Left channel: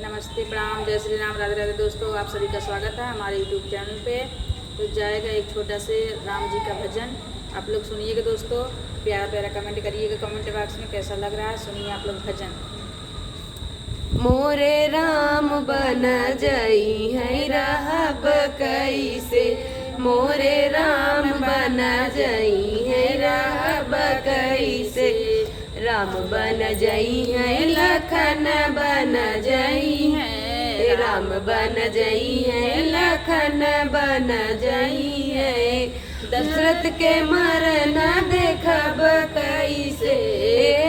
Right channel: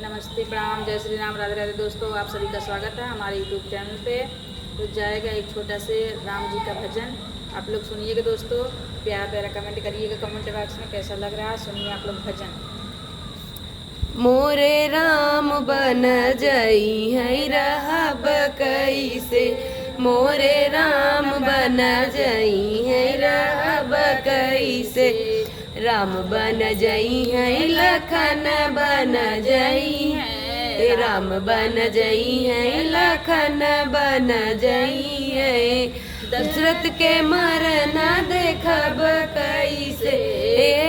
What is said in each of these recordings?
नमस्ते, प्रणाम, जय श्री राम, राधे राधे। दोस्तों, आप सभी का स्वागत है हमारे यूट्यूब चैनल पे। तो जाएगा एक छोटा से राम जी का भजन, आप लोग सुनिएगा। दोस्तों, प्यारा प्यारा कमेंट करिएगा कमेंट बॉक्स में, कैसा लग रहा है। सुनिए आप लोग भजन। मोरे राम बन जई है रहब कैसे, मोरे राम बन जई है रहब कैसे। राम बन जई है लखन बन जई है, राम बन जई है लखन बन जई है। दशरथ के मरन देखब कैसे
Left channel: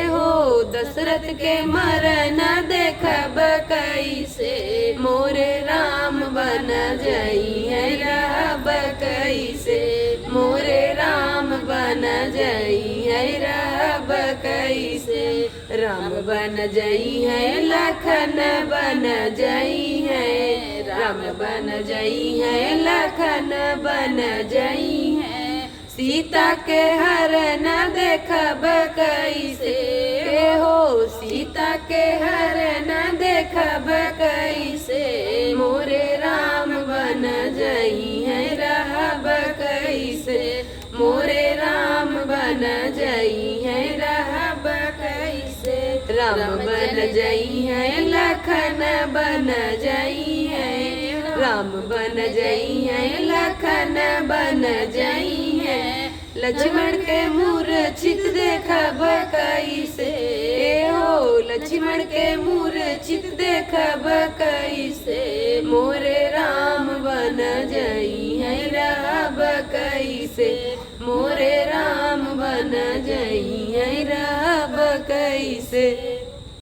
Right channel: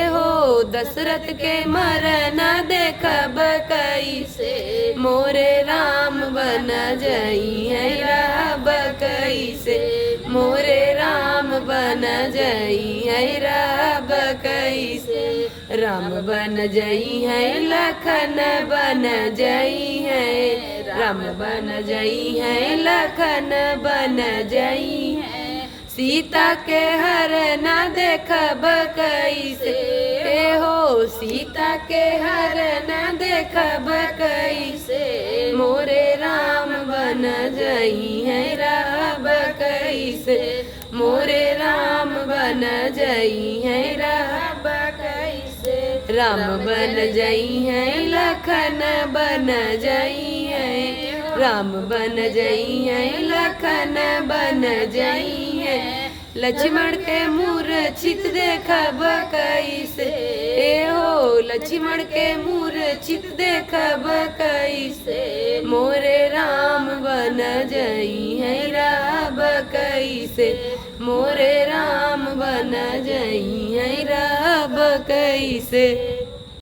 हो, दशरथ के मरन देखब कैसे। मोरे राम बन जई है रहब कैसे, मोरे राम बन जई है रहब कैसे। राम बन जई है लखन बन जई है, राम बन जई है लखन बन जई है। सीता के हरण देखब कैसे हो, सीता के हरण देखब कैसे। मोरे राम बन जई है रहब कैसे, मोरे राम बन जई है रहब कैसे। राम बन जई है लखन बन जई है, राम बन जई है लखन बन जई है। लक्ष्मण के मूर्छित देखब कैसे हो, लक्ष्मण के मूर्छित देखब कैसे। मोरे राम बन जई है रहब कैसे, मोरे राम बन जई है रहब कैसे।